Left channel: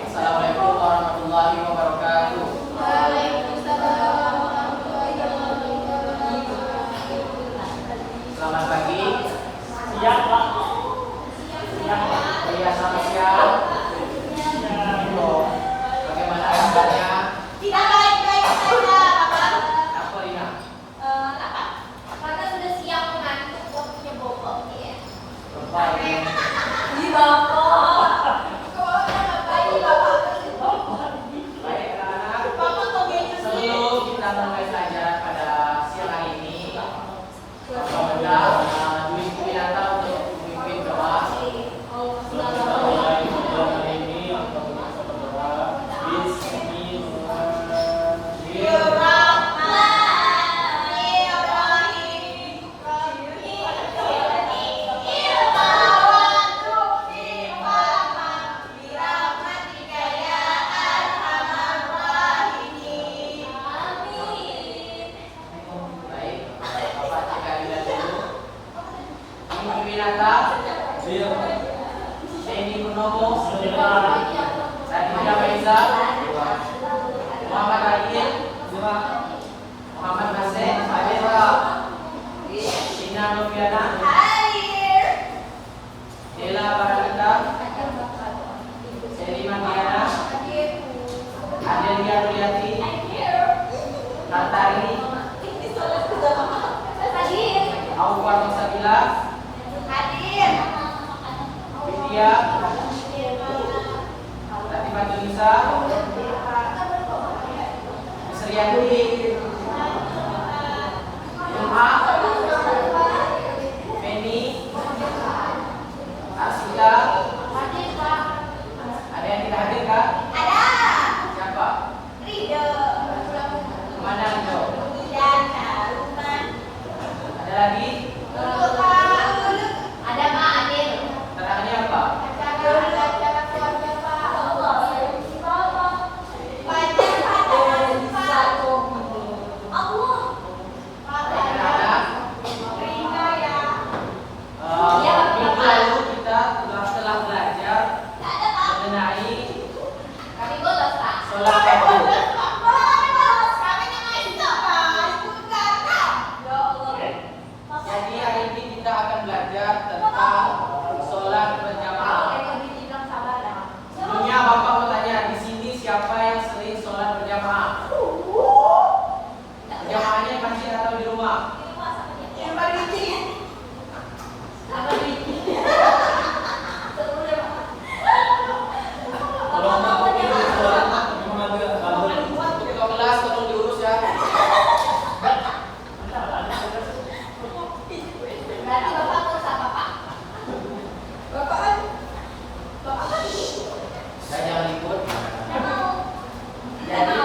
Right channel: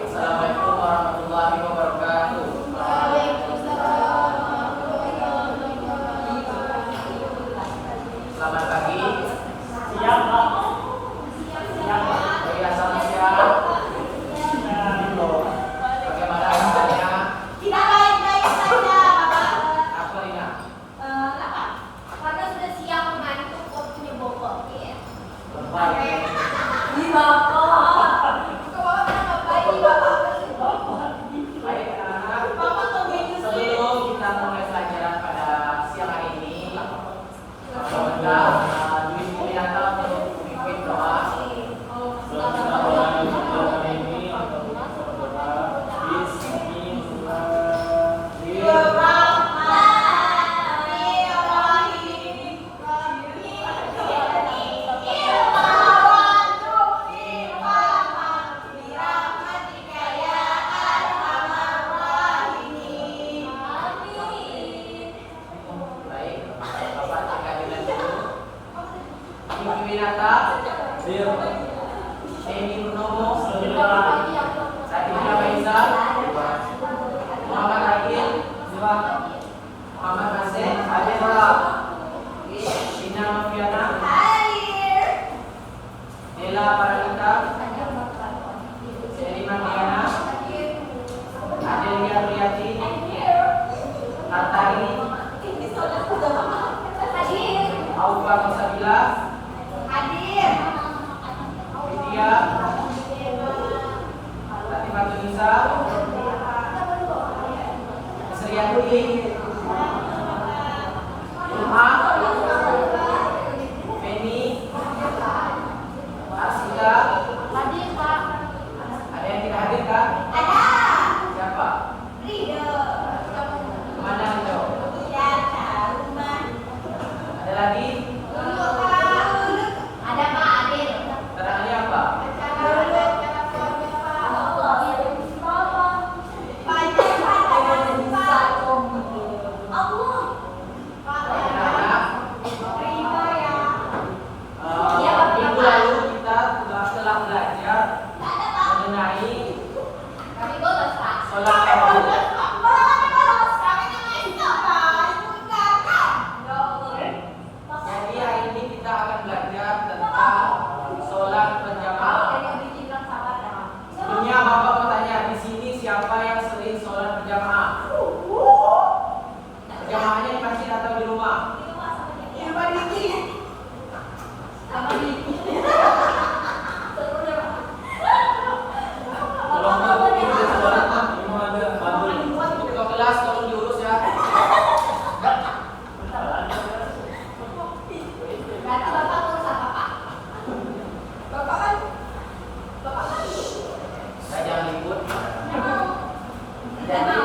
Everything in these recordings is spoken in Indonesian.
Assalamualaikum warahmatullahi wabarakatuh. Selamat pagi. Siang, Pak. Siang, Pak. Oh iya, selamat siang. Bagaimana kabarnya? Tidak baik-baik saja, Bapak. Apa, Rina? Apa? Karena sudah siang mengantuk waktunya bobo. Baik. Di Bapak. Baik, Bapak. Baik, anak-anak. Bapak kok gitu sih? Sebelum kita mulai pelajaran pada siang hari ini, semoga Dwi Widianta untuk memimpin doa. Baik, Bapak cek kalian dulu. Dwi Widianta, Eni Purnomo, Raditya Faiza, Muhammad Akil, Muhammad Basir, Ina Noviana, Nela Barakata, Seliman Diana, Adelia Nuriati, Hartari, Aufa Tosabila, Widya, Latifah Tunisa, Sriyanti, Umma, Feni, Arsita. Ada yang tidak hadir kah? Siapa? Kemana menjauh? Ada lagi? Keterangannya apa? Baik, anak-anak. Minggu lalu kita telah belajar mengenai sholat fardu. Jadi hari ini kita akan belajar tentang sholat berjamaah. Sebelumnya Bapak mau tanya, di sini siapa yang sering sholat berjamaah? Berjamaahnya di masjid atau di rumah? Ketua kelas tolong diurus ya. Saya jangan ribut. Jadi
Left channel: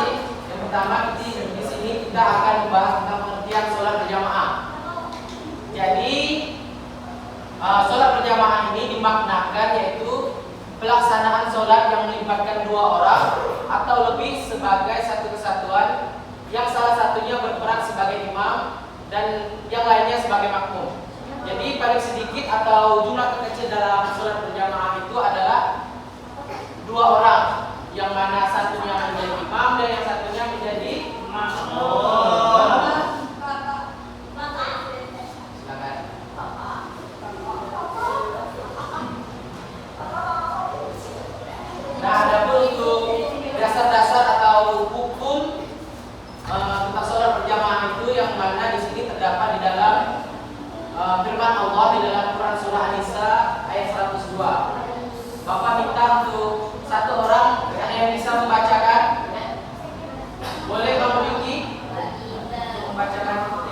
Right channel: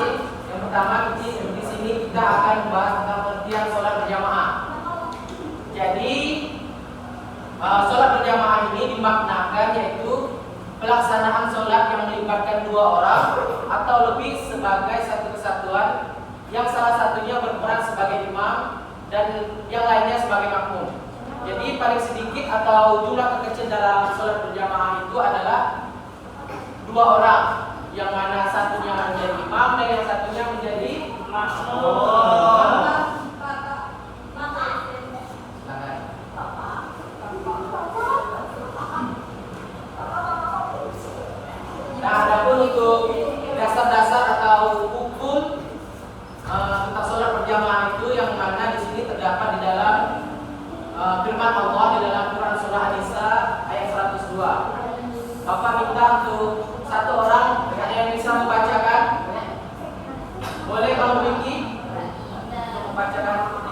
yang pertama di sini kita akan membahas tentang pengertian sholat berjamaah. Jadi sholat berjamaah ini dimaknakan yaitu pelaksanaan sholat yang melibatkan dua orang atau lebih sebagai satu kesatuan, yang salah satunya berperan sebagai imam dan yang lainnya sebagai makmum. Jadi paling sedikit atau jumlah terkecil dalam sholat berjamaah itu adalah dua orang, yang mana satunya menjadi imam dan yang satunya menjadi makmum. Silakan. Nah, adapun untuk dasar-dasar atau hukum tentang sholat berjamaah itu yang mana di sini terdapat di dalam firman Allah di dalam Quran surah An-Nisa ayat 102. Bapak minta untuk satu orang yang bisa membacakan. Boleh kamu Miki membacakan?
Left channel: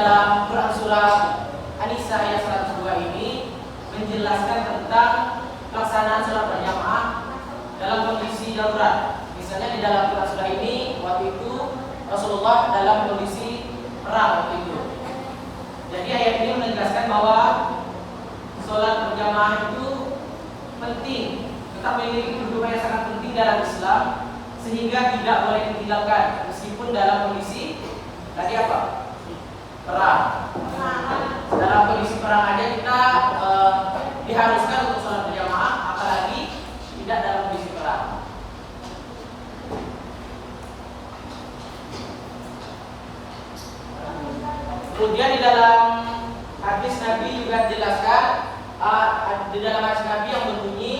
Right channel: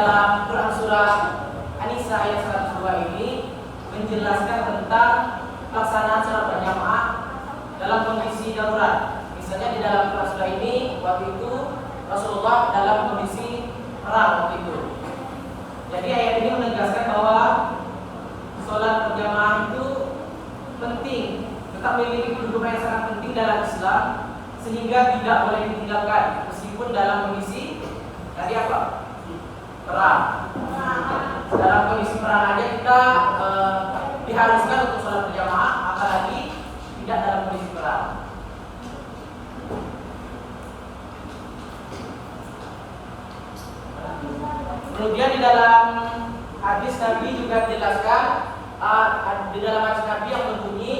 dalam Quran surat An-Nisa ayat 102 ini menjelaskan tentang pelaksanaan sholat berjamaah dalam kondisi darurat. Misalnya di dalam Quran surah ini waktu itu Rasulullah dalam kondisi perang waktu itu. Jadi ayat ini menegaskan bahwa sholat berjamaah itu penting, tetap memiliki kedudukan yang sangat penting dalam Islam, sehingga tidak boleh ditinggalkan meskipun dalam kondisi tadi apa? Perang. Dalam kondisi perang aja kita diharuskan untuk sholat berjamaah, apalagi tidak dalam kondisi perang. Kemudian di dalam hadis Nabi juga dijelaskan, di dalam hadis Nabi yang berbunyi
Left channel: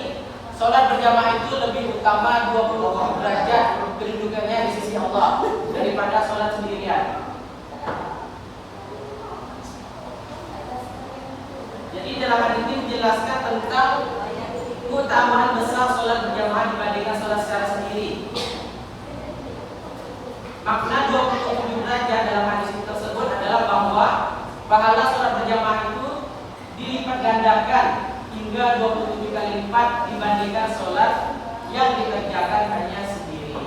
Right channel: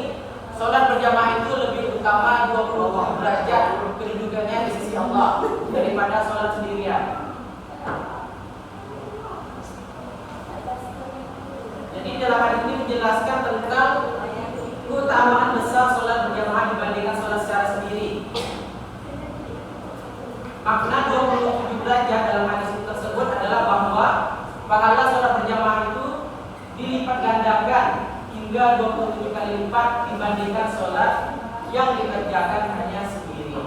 sholat berjamaah itu lebih utama 20 derajat kedudukannya di sisi Allah daripada sholat sendirian. Jadi dalam hadis ini menjelaskan tentang keutamaan besar sholat berjamaah dibandingkan sholat secara sendiri. Makna 27 derajat dalam hadis tersebut adalah bahwa pahala sholat berjamaah itu dilipat gandakan hingga 27 kali lipat dibandingkan sholat yang dikerjakan hanya sendiri.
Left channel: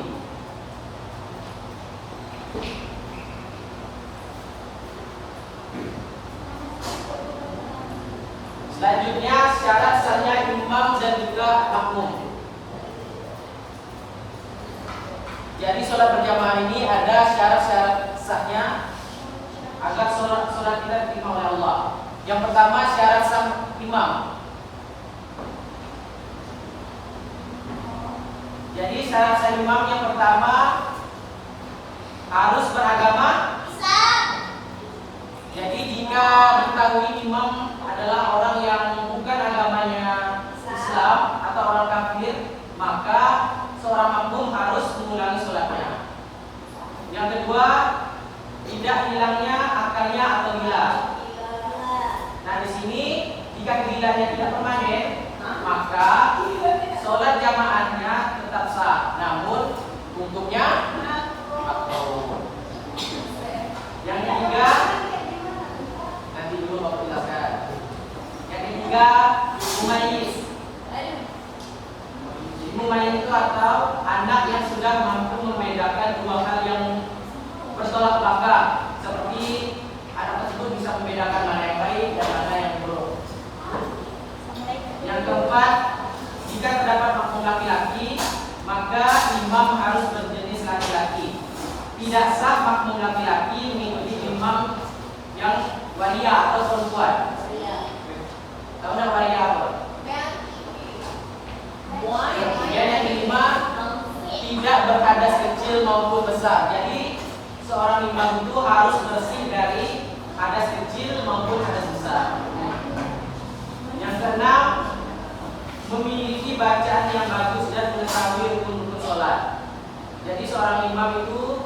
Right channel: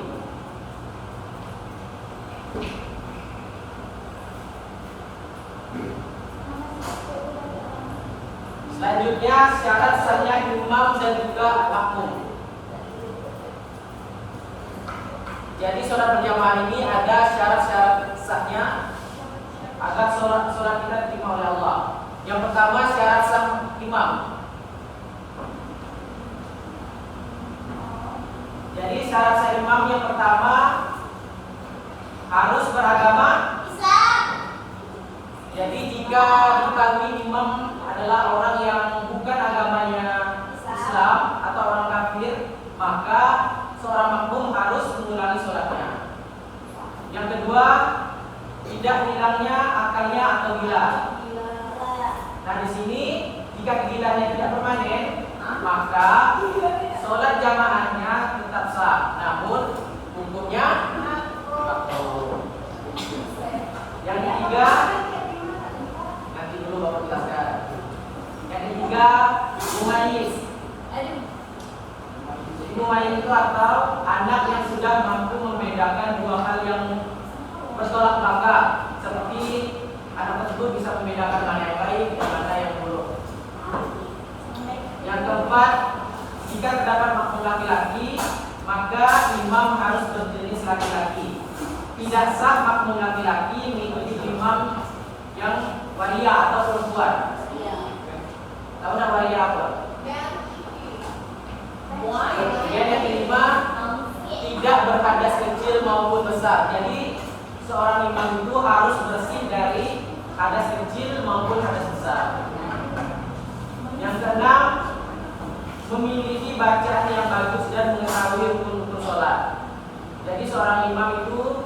Selanjutnya syarat sahnya imam dan juga makmum. Jadi sholat berjamaah ini ada syarat-syarat sahnya agar sholat kita diterima oleh Allah. Yang pertama syarat sah imam. Jadi syarat sah imam yang pertama harus beragama Islam. Jadi jika diketahui imam adalah orang yang bukan agamanya Islam atau orang kafir, maka seorang makmum harus mengulangi sholatnya. Yang kedua, tidak hilangnya akalnya atau gila. Nah di sini jika gilanya tidak permanen, maka sholat jamaahnya tetap sah. Namun untuknya makruh. Yang ketiga, nanti dulu baru jelaskan. Yang ketiga, mumayyiz. Mumayyiz itu atau anak yang sudah mampu membedakan dua hal yang bertolak belakang, seperti anak tersebut bisa membedakan mana yang baik dan mana yang buruk. Yang keempat, jika terdapat makmum laki-laki, maka imam harus berjenis laki-laki. Tidak sah makmum laki-laki mengikuti imam yang waria atau perempuan. Tahu nak waria apa? Kemudian yang kelima, tidak berhadas kecil maupun besar. Jadi seorang imam itu harus bersih dari hadas kecil maupun hadas besar. Yang keenam, memiliki bacaan yang bagus dan mengetahui rukun-rukun sholat. Jadi seorang imam itu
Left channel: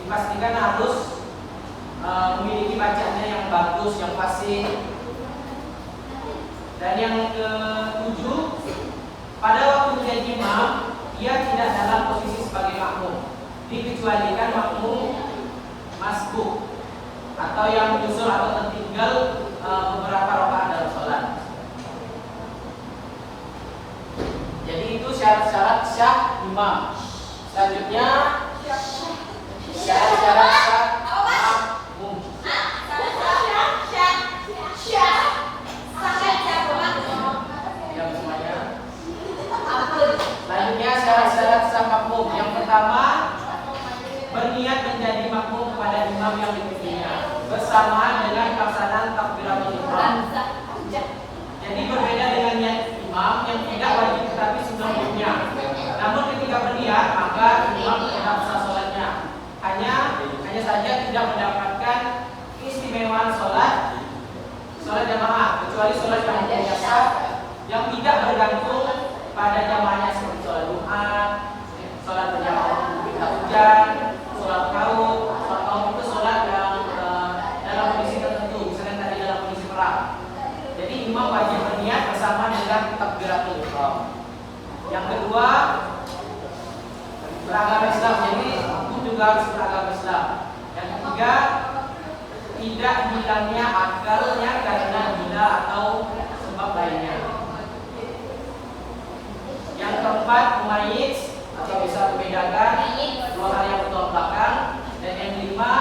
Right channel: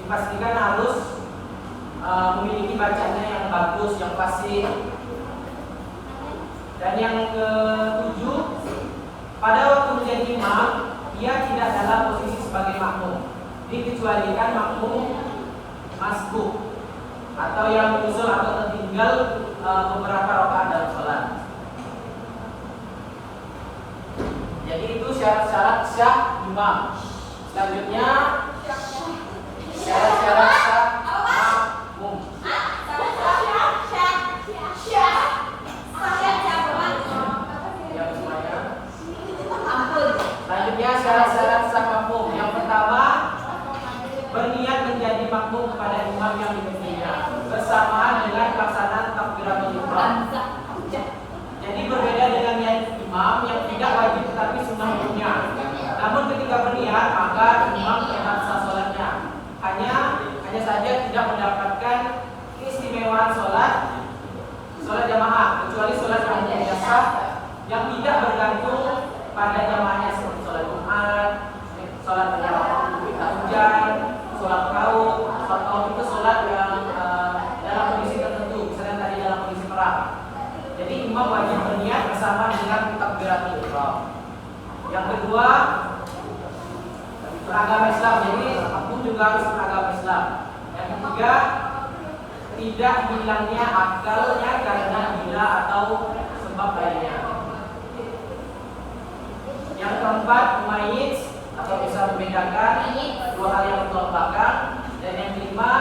dipastikan harus memiliki bacaannya yang bagus, yang fasih. Dan yang ketujuh, pada waktu menjadi imam, dia tidak dalam posisi sebagai makmum, dikecualikan makmum masbuk atau yang uzur atau tertinggal beberapa rakaat dalam sholat. Jadi itu syarat-syarat sah imam. Selanjutnya syarat-syarat sah makmum. Selanjutnya syarat-syarat sah makmum. Yang pertama, berniat menjadi makmum kepada imam yang dipimpinnya bersamaan dengan pelaksanaan takbiratul ihram. Jadi berbeda dengan niat imam yang tidak wajib tetapi sunnah hukumnya. Namun ketika berniat maka imam tetap sah sholatnya. Hanya saja tidak mendapatkan keistimewaan sholat jamaah, kecuali sholat yang hukumnya sah yang tidak bergantung pada jamaahnya, seperti sholat Jumat, sholat berjamaah ketika hujan, sholat kaum. Sholat kaum itu sholat yang dalam kondisi tertentu, misalnya tadi dalam kondisi perang. Jadi imam wajib berniat bersama dengan takbiratul ihram. Yang kedua, beragama Islam. Jadi makmum juga harus beragama Islam. Yang ketiga, tidak hilangnya akalnya karena gila atau sebab lainnya. Yang keempat, mumayyiz atau bisa membedakan dua hal yang bertolak belakang. Dan yang kelima,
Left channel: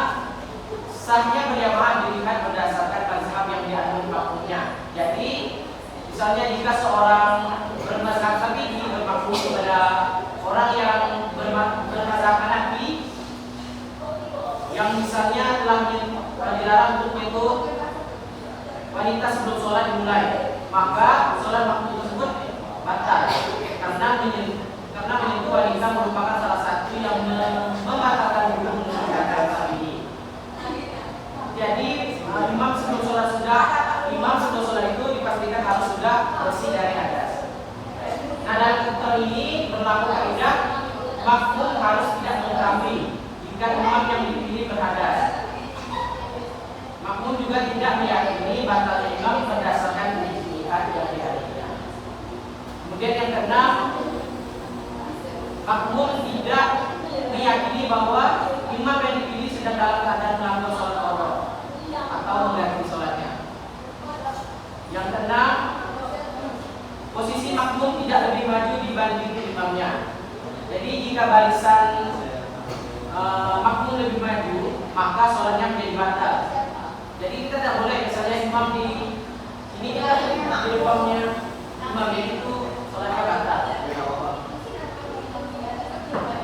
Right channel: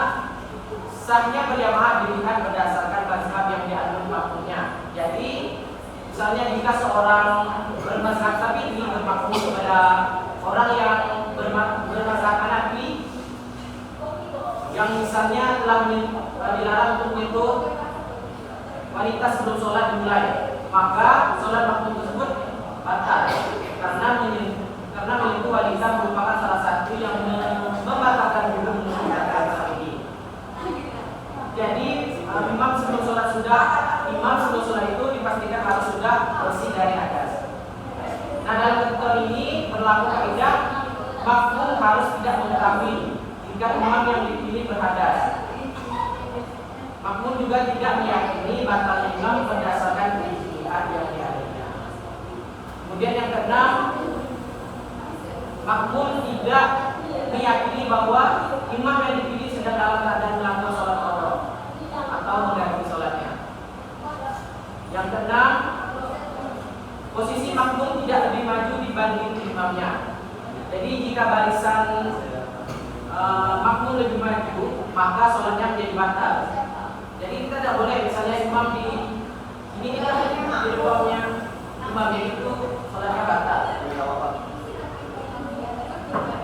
sahnya berjamaah dilihat berdasarkan mazhab yang dianut makmumnya. Jadi, misalnya jika seorang bermazhab Syafi'i bermakmum kepada orang yang bermazhab Hanafi, yang misalnya telah dilarang untuk menyentuh wanita sebelum sholat dimulai, maka sholat makmum tersebut batal karena menyentuh wanita merupakan salah satu yang membatalkan hukum mengerjakan hal ini. Jadi imam sebelum sholat itu dipastikan harus sudah bersih dari hadas. Nah, dalam ketentuan ini berlaku kaidah makmum harus tidak mengetahui jika imam yang dipilih berhadas. Makmum juga tidak meyakini batal imam berdasarkan ijtihad yang dialihkan. Kemudian yang keenam, makmum tidak meyakini bahwa imam yang dipilih sedang dalam keadaan melanggar sholat qada atau mengganti sholatnya. Yang keenam, posisi makmum tidak lebih maju dibanding imamnya. Jadi jika barisan makmum lebih maju, maka sholatnya menjadi batal. Jadi kita tidak boleh misalnya imam di ini kita di depannya imamnya itu sholatnya batal.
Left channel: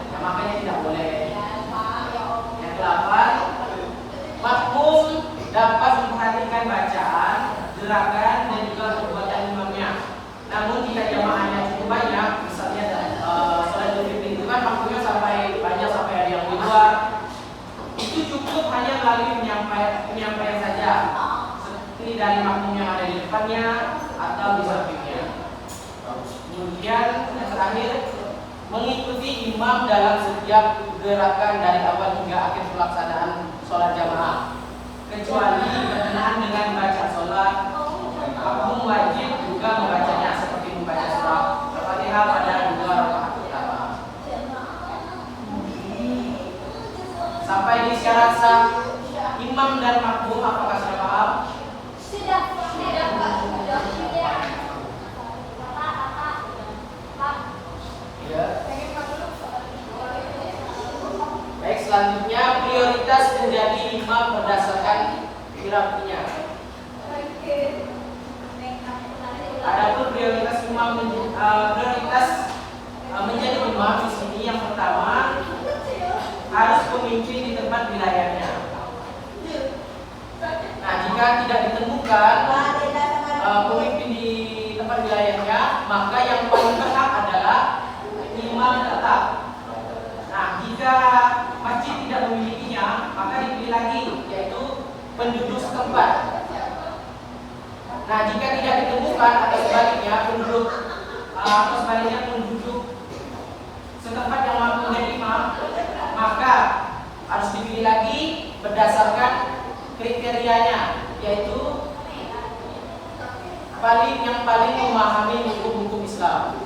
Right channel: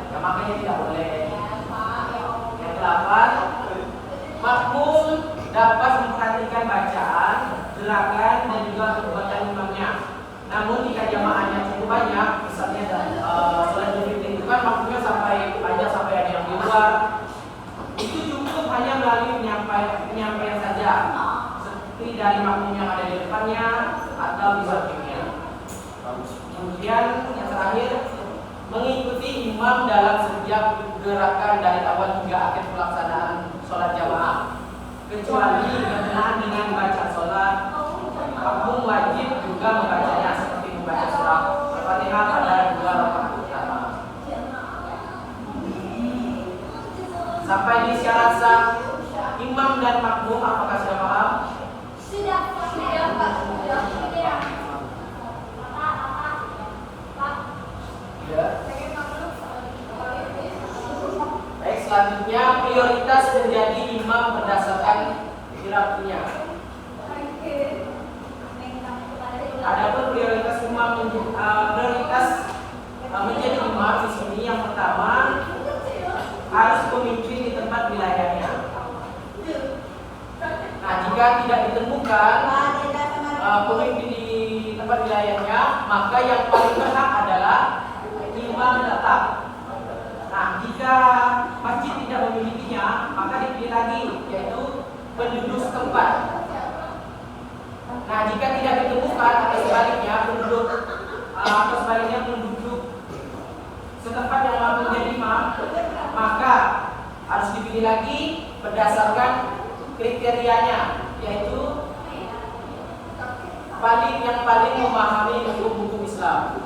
Ya, makanya tidak boleh. Yang ke-8, makmum dapat memperhatikan bacaan, gerakan dan juga perbuatan imamnya. Namun jika jamaahnya cukup banyak, misalnya sholat Idul Fitri itu kan makmumnya sampai banyak sampai ada yang di luar, itu cukup hanya melalui penyampaian saja, seperti dari makmum yang ada di depannya atau di sampingnya. Kemudian yang terakhir, mengikuti imam dalam setiap gerakan dari awal hingga akhir pelaksanaan sholat jamaah, kecuali berkenaan dengan bacaan sholat. Makmum wajib juga membacanya seperti membaca surah Al-Fatihah pada dua rakaat pertama. Sampai di syarat sah imam dan makmum, apakah sudah paham? Sudah, Pak. Ya. Baik, selanjutnya prioritas menjadi imam berdasarkan hierarkinya. Adapun prioritas menjadi imam di sini yang pertama harus pemimpin di tempat wilayahnya. Nah, jika tidak ditemukan pemimpin di tempat wilayahnya, maka yang paling berhak adalah imam tetap. Nah, jika masjid tidak memilikinya, maka dipilih lagi, yaitu penduduk setempat. Nah, jika tidak ditemukan atau sebaliknya penduduk setempat yang mampu menjadi imam, maka harus dipilih lagi berdasarkan kriterianya, yaitu yang paling memahami hukum-hukum Islam,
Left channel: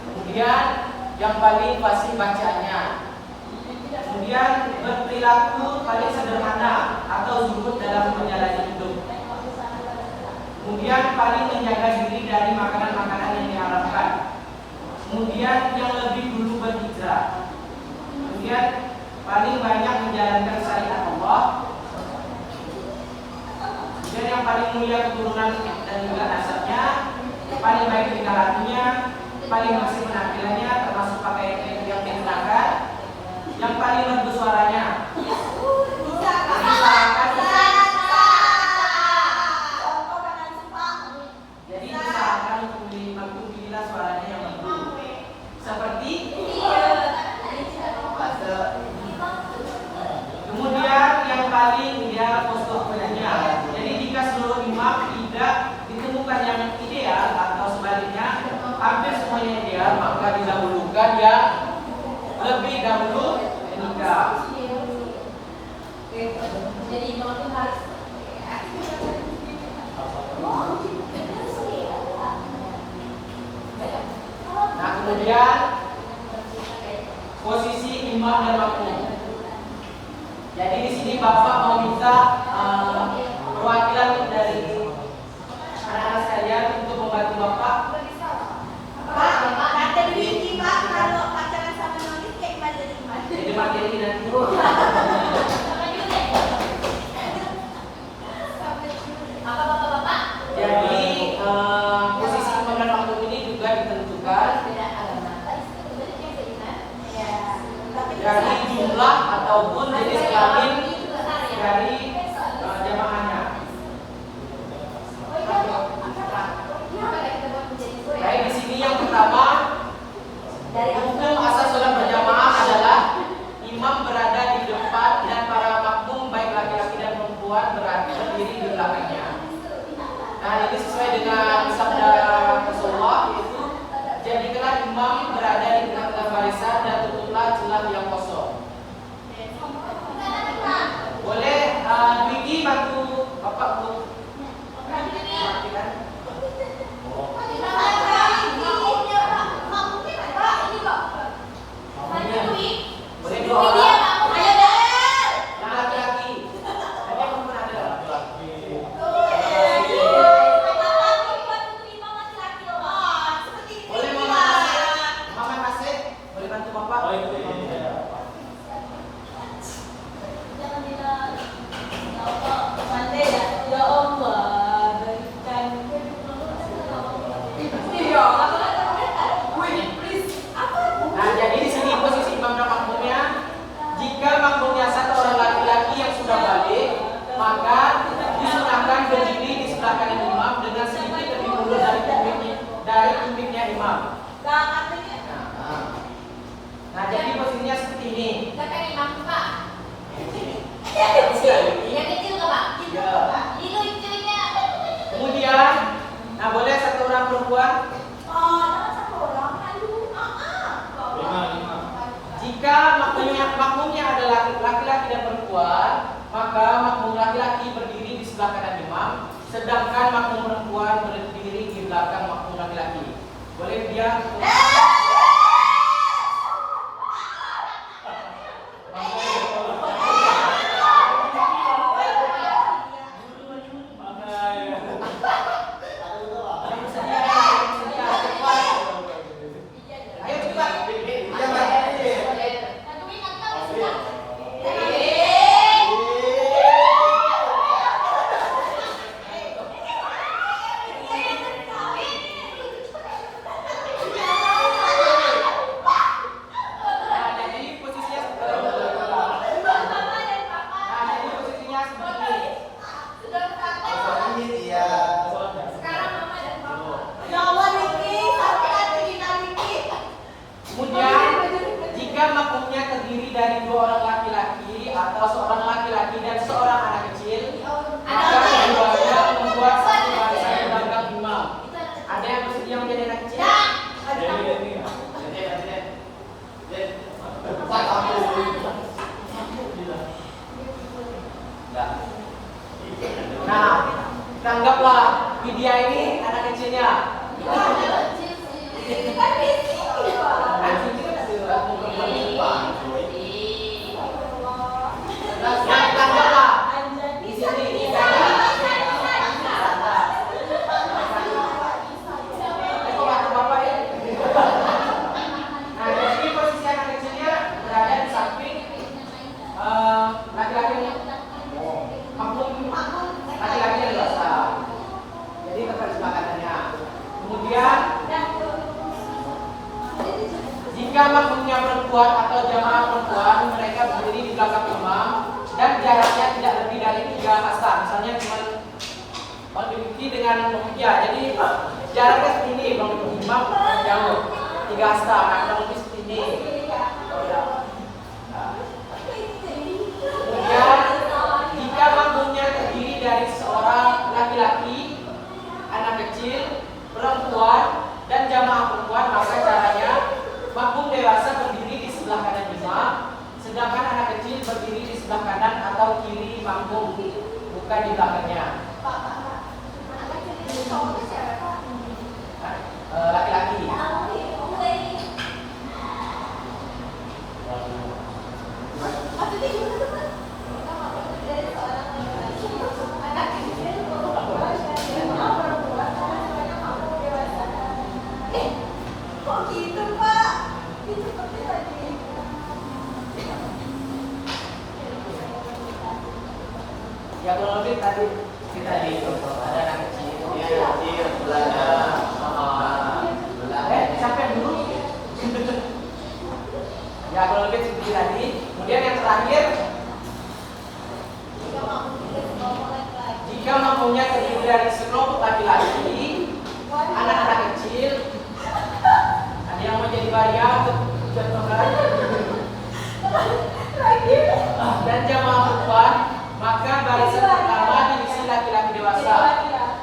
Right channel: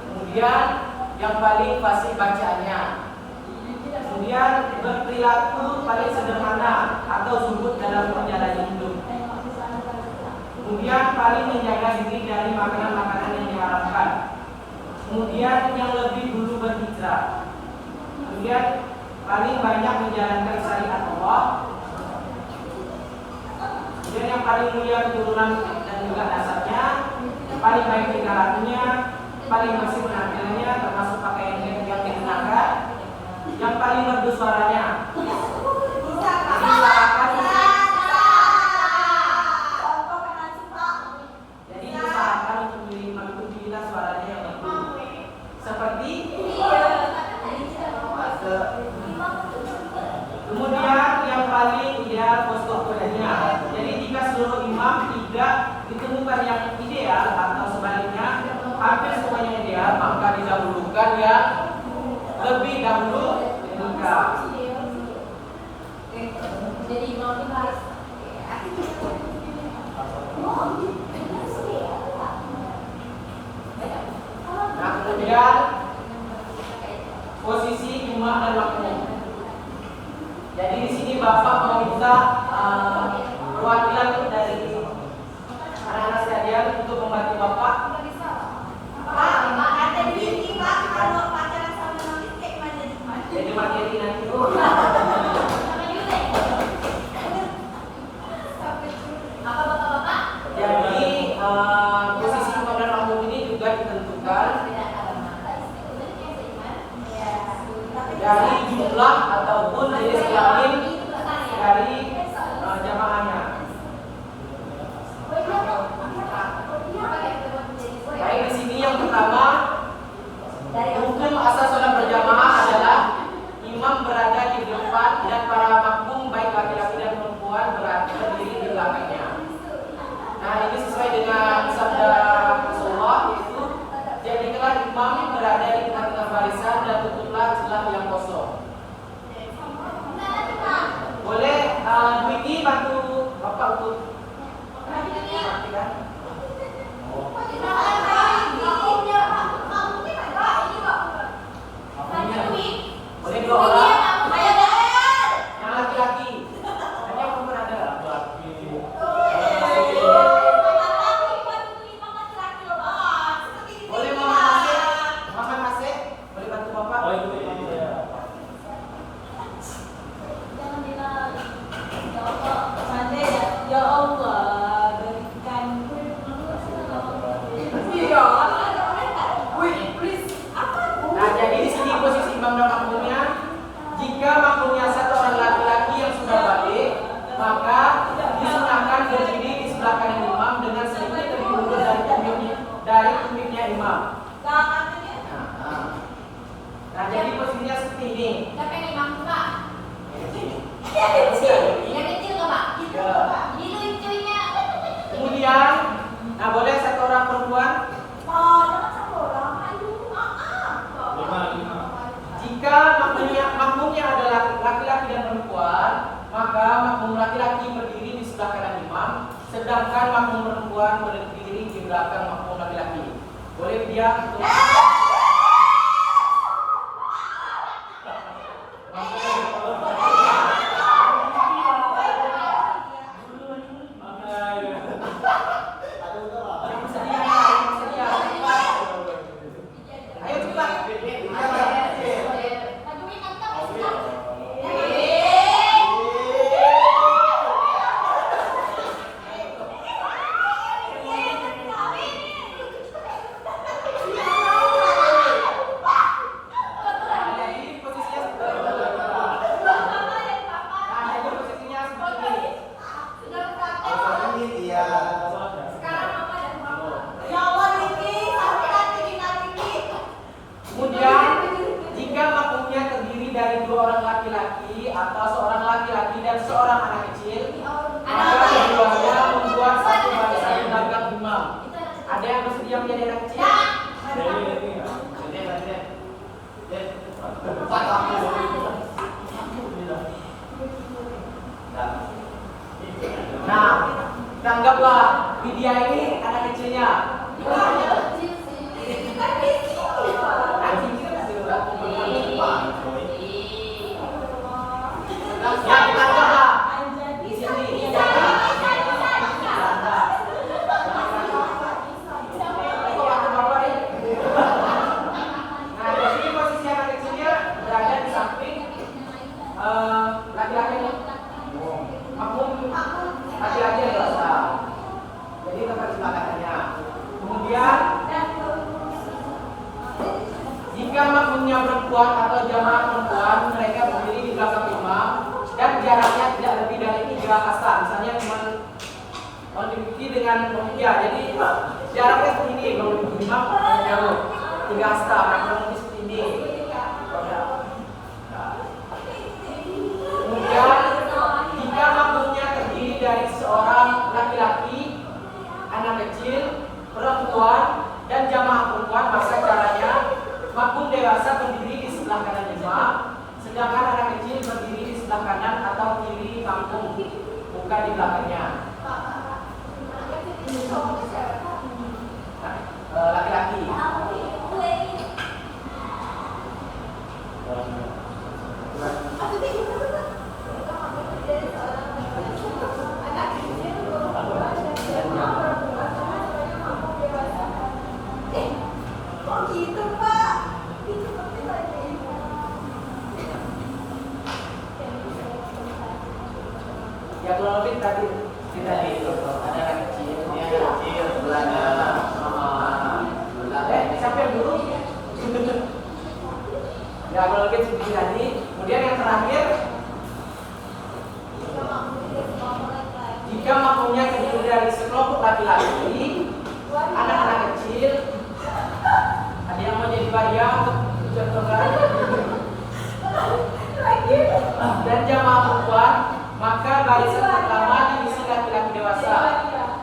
kemudian yang paling fasih bacaannya, kemudian berperilaku paling sederhana atau zuhud dalam menjalani hidup, kemudian paling menjaga diri dari makanan-makanan yang diharamkan, kemudian yang lebih dulu berhijrah, kemudian paling banyak menjalankan syariat Allah, kemudian yang paling mulia keturunan dan juga nasabnya, paling baik tingkahannya, paling bersih penampilannya termasuk pakaian yang dikenakan, yang paling merdu suaranya. Jadi usahakan untuk memilih imam itu pilihlah suaranya yang merdu. Seperti kemudian yang paling ideal postur kudanya. Jadi jika seluruh imam tidak ditemukan yang ideal atau sebaliknya hampir semuanya ideal, maka didahulukan yang lebih dahulu menikah. Jadi imam harus Nah, kemudian posisi imam dan makmum. Jadi di sini Bapak meminta membantu bapak? Pak, ada biji Pak, kalau pacaran sama notis kayak gimana jadi gimana? Jadi materi nanti. Apa bapak-bapak? Jadi posisi imam dan makmum ini juga ditentukan dari jumlah ataupun jenis kelamin dari jamaahnya. Baik, di sini yang pertama, hukum asas sholat berjamaah adalah imam berada di depan dan para makmum baik laki-laki dan perempuan berdiri di belakangnya. Nah, ini sesuai dengan sabda Rasulullah, yaitu jadikanlah imam berada di tengah-tengah barisan dan tutuplah celah yang kosong. Boleh Widi bantu bapak untuk memastikan. Boleh dua orang. Yang laki-laki. Dan yang perempuan ada. Boleh Muhammad Nasir. Boleh bantu bapak. Nah, jadi di sini posisi imam dan makmumnya, jika makmumnya satu orang laki-laki yang sudah balik, maka disunahkan berdiri di sebelah kanan imam dengan sedikit lebih mundur dari tumiknya imam. Nah, jadi posisinya seperti ini. Siapa yang imam Pak? Yang kecil nggak Pak? Ya. Ini lucunya. Kemudian, nah boleh satu orang perempuan. Oh, jangan satu orang. Aduh, Jika makmumnya adalah laki-laki dan perempuan, maka makmum laki-laki berdiri di sebelah kanan imam, sedangkan makmum perempuan berdiri di belakang makmum laki-laki. Boleh dia untuk dari dua orang laki-laki atau seorang laki-laki dan seorang anak kecil, maka keduanya membuat satu barisan di belakang imam. Ada yang bersedia menjadi anak kecil? Nah, tanggaplah Widya ini anak kecilnya. Yang tanggaplah di sini. Bapak ya. Nah, di sini posisi anak kecilnya berada di samping laki-laki. Makmum laki-laki dewasa. Jadi tempat sebelah kanannya. Kemudian jika makmumnya perempuan atau jamaah perempuan, mereka berdiri di belakang imam dan jaraknya tidak lebih dari 3 hasta. Misalnya cuma mendekati dengan ya, jadi jaraknya seperti ini, mendekati imam jauh 3 hasta, karena mungkin seperti ini. Kemudian jika makmumnya terdiri dari seorang laki-laki, anak kecil, perempuan, dan jamaah perempuan, maka caranya makmum dewasa berdiri di sebelah kanan imam, sedangkan anak kecil berdiri di sebelah kanan atau kiri makmum, bukan di belakangnya. Laki-laki. Ya kurang lebih tadi kita di ada anak kecil, dia anak kecil, siapa yang dulu? Ya kurang lebih seperti tadi. Kemudian yang terakhir, jika makmumnya terdiri dari sekelompok laki-laki, anak-anak kecil, ada yang mau jadi waria atau dan jamaah perempuan, maka barisan pertama diisi laki-laki dewasa,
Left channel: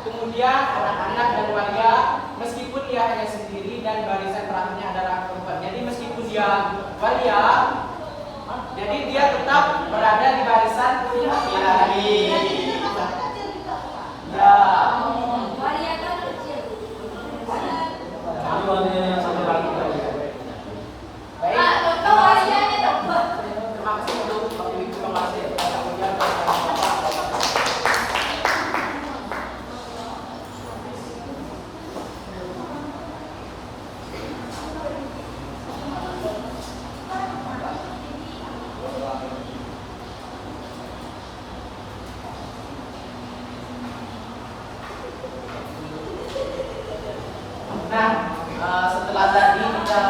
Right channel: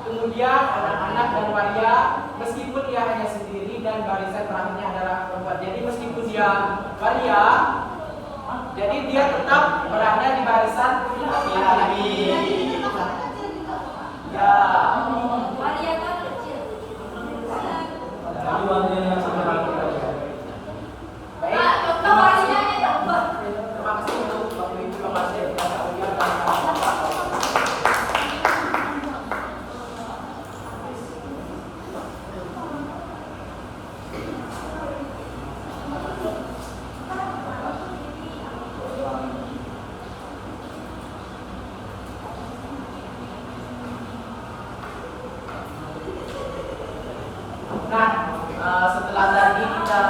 kemudian anak-anak dan waria, meskipun dia hanya sendiri, dan barisan terakhirnya adalah perempuan. Jadi meskipun dia waria, jadi dia tetap berada di barisan laki-laki. Ya. Waria kan kecil. Ini waria yang sampai lagi tadi. Baik. Terima kasih untuk waktu itu pembahasan baca ujian dan Bapak. Nah, setelah tadi kita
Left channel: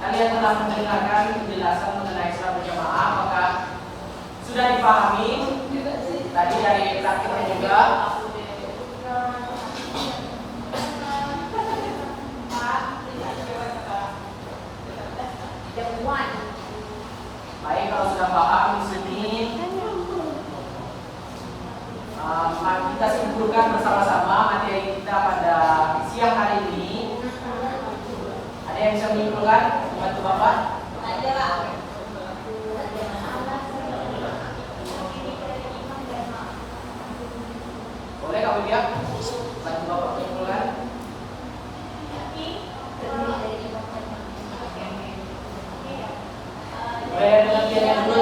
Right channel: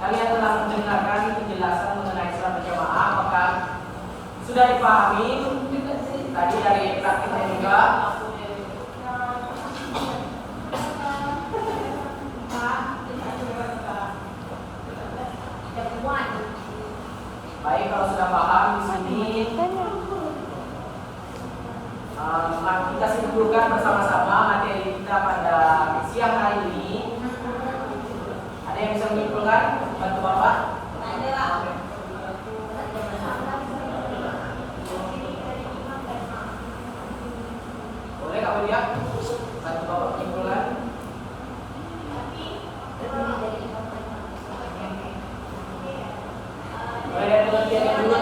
kalian telah mendengarkan penjelasan mengenai salat berjamaah, apakah sudah dipahami tadi dari praktiknya juga? Baik, kalau sudah paham di sini, mari kita simpulkan bersama-sama materi kita pada siang hari ini. Ada yang bisa menyimpulkan? Bantu Bapak. Boleh Kak Widya? Bantu Bapak menyimpulkan. Boleh yang pengertiannya dulu